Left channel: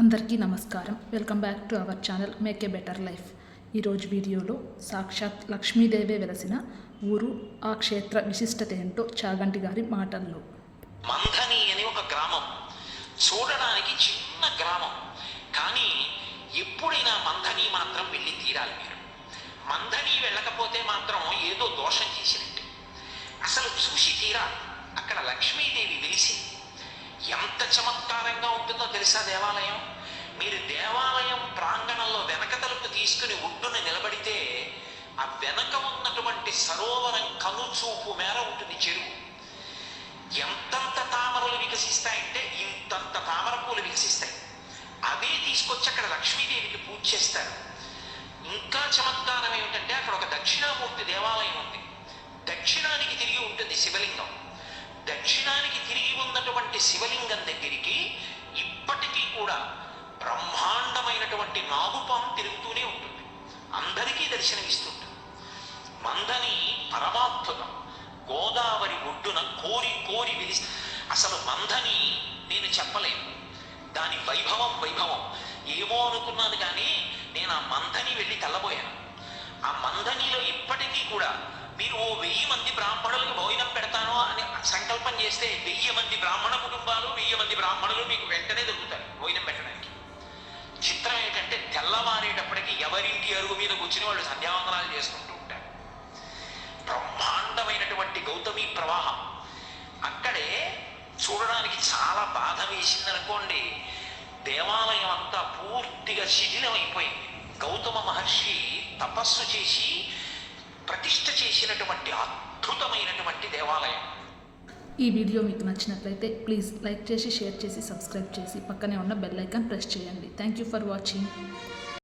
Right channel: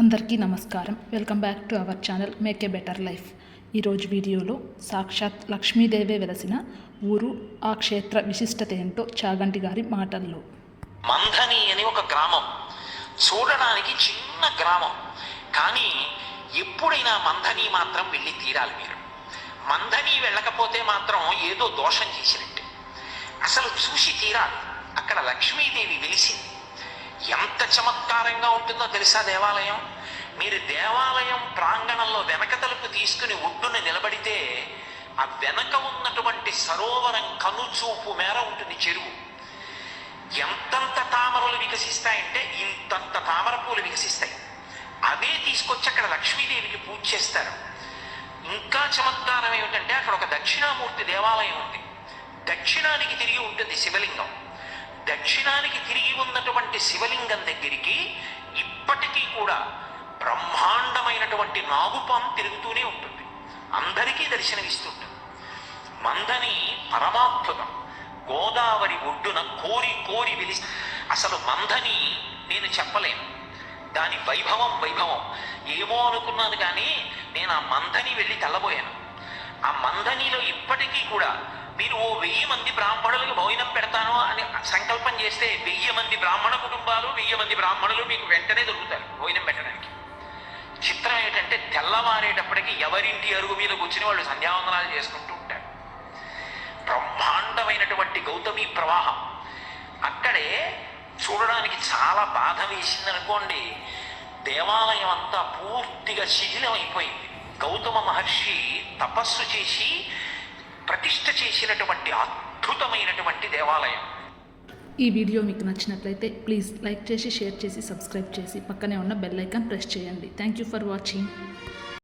అందరికీ నమస్కారం. Welcome back to our channel make a better life. ఈరోజు వీడియోలో సాక్షాత్ లక్ష్మీదేవే వెలసిన ఊరు, ఆ క్షేత్ర విశిష్టత ఏంటో చాగంటి గారి మాటల్లో. మంథని అని ఒక గ్రామం, చూడడానికి చిన్న గ్రామం, కానీ ఎప్పుడైనా మంథని మాత్రం వెళ్ళి తీరాలి మీరు. మంథని వెళ్ళకపోతే మాత్రం ఏదో దోషం చేసినట్టు. అసలు చూసి తీరాలి. అక్కడ లక్ష్మీదేవి వెలిసింది. ఎంత చమత్కారంగా ఉంటుందో తెలుసా దేవాలయం. మీరు దేవాలయం ప్రాంగణంలో వెనక తలుపు తీసుకుని ఒడ్డున నిలబడితే ఆ వెనక ఉన్నటువంటి సరోవరం కనుచూపు మేర ఉంటుంది చెరువు. ఎంతంత తామరలు వికసిస్తాయంటే ఇంతంత తామర పూలు వికసిస్తాయి. అవే తీసుకొచ్చి అక్కడ లక్ష్మీదేవికి పూజ చేస్తారు. ఇంకా చమత్కారం ఏమిటంటే అక్కడ ఒక దక్షిణామూర్తి దేవాలయం ఉంది. దక్షిణానికి తిరిగి ఉంటుంది శివలింగం. దక్షిణానికి తిరిగి ఉన్నటువంటి శివలింగం దగ్గరికి ఇప్పటికీ కూడా బ్రహ్మాండమైనటువంటి నాగుపాము తిరుగుతూనే ఉంటుంది. అందరికీ దర్శనమిస్తుంటుంది. మంథని పరమాద్భుతం. గోదావరి ఒడ్డున కోరి కోరి వెలిసి అసలు మంథని నేను చెప్పలేను. దాని వైభవం ఏమో అనుకున్నాను, కానీ నేను ఆ మంథని వెళ్ళి తెల్లబోయాను. ఆ మంథనిలో ఇప్పటికీ కూడా మీరు 1000 మంది బ్రాహ్మణులకు భోజనం పెడతాను అని సంకల్పం చేస్తే 1000 మంది బ్రాహ్మణ కుటుంబాలు, 1000 మంది బ్రాహ్మణులు మీకు వెంటనే దొరుకుతారు భోజనం పెట్టడానికి. చిత్రం ఏంటంటే తెల్లవారేటప్పటికి ఎవరింటి అరుగు మీద కూర్చుని వాళ్ళు సంధ్యావందనాలు చేసుకుంటూ ఉంటారు. బ్రహ్మాండమైనటువంటి గౌతమి ప్రవాహం. అక్కడే చూడడానికి చాలా బాధ వేసిందనుకోండి. దేవాలయం అంతా పూర్తిగా శిథిలం అయిపోయింది. గౌతమ మహర్షి తపస్సు చేసి ప్రతిష్ఠ చేసినటువంటి అద్భుతమైనటువంటి దేవాలయం. ఈ వీడియో మీకు నచ్చినట్లయితే ప్లీజ్ లైక్ చేసి, షేర్ చేసి, సబ్స్క్రైబ్ చేసి పక్కనే ఉన్న బెల్ ఐకాన్ ప్రెస్ చేయండి. Thank you for watching.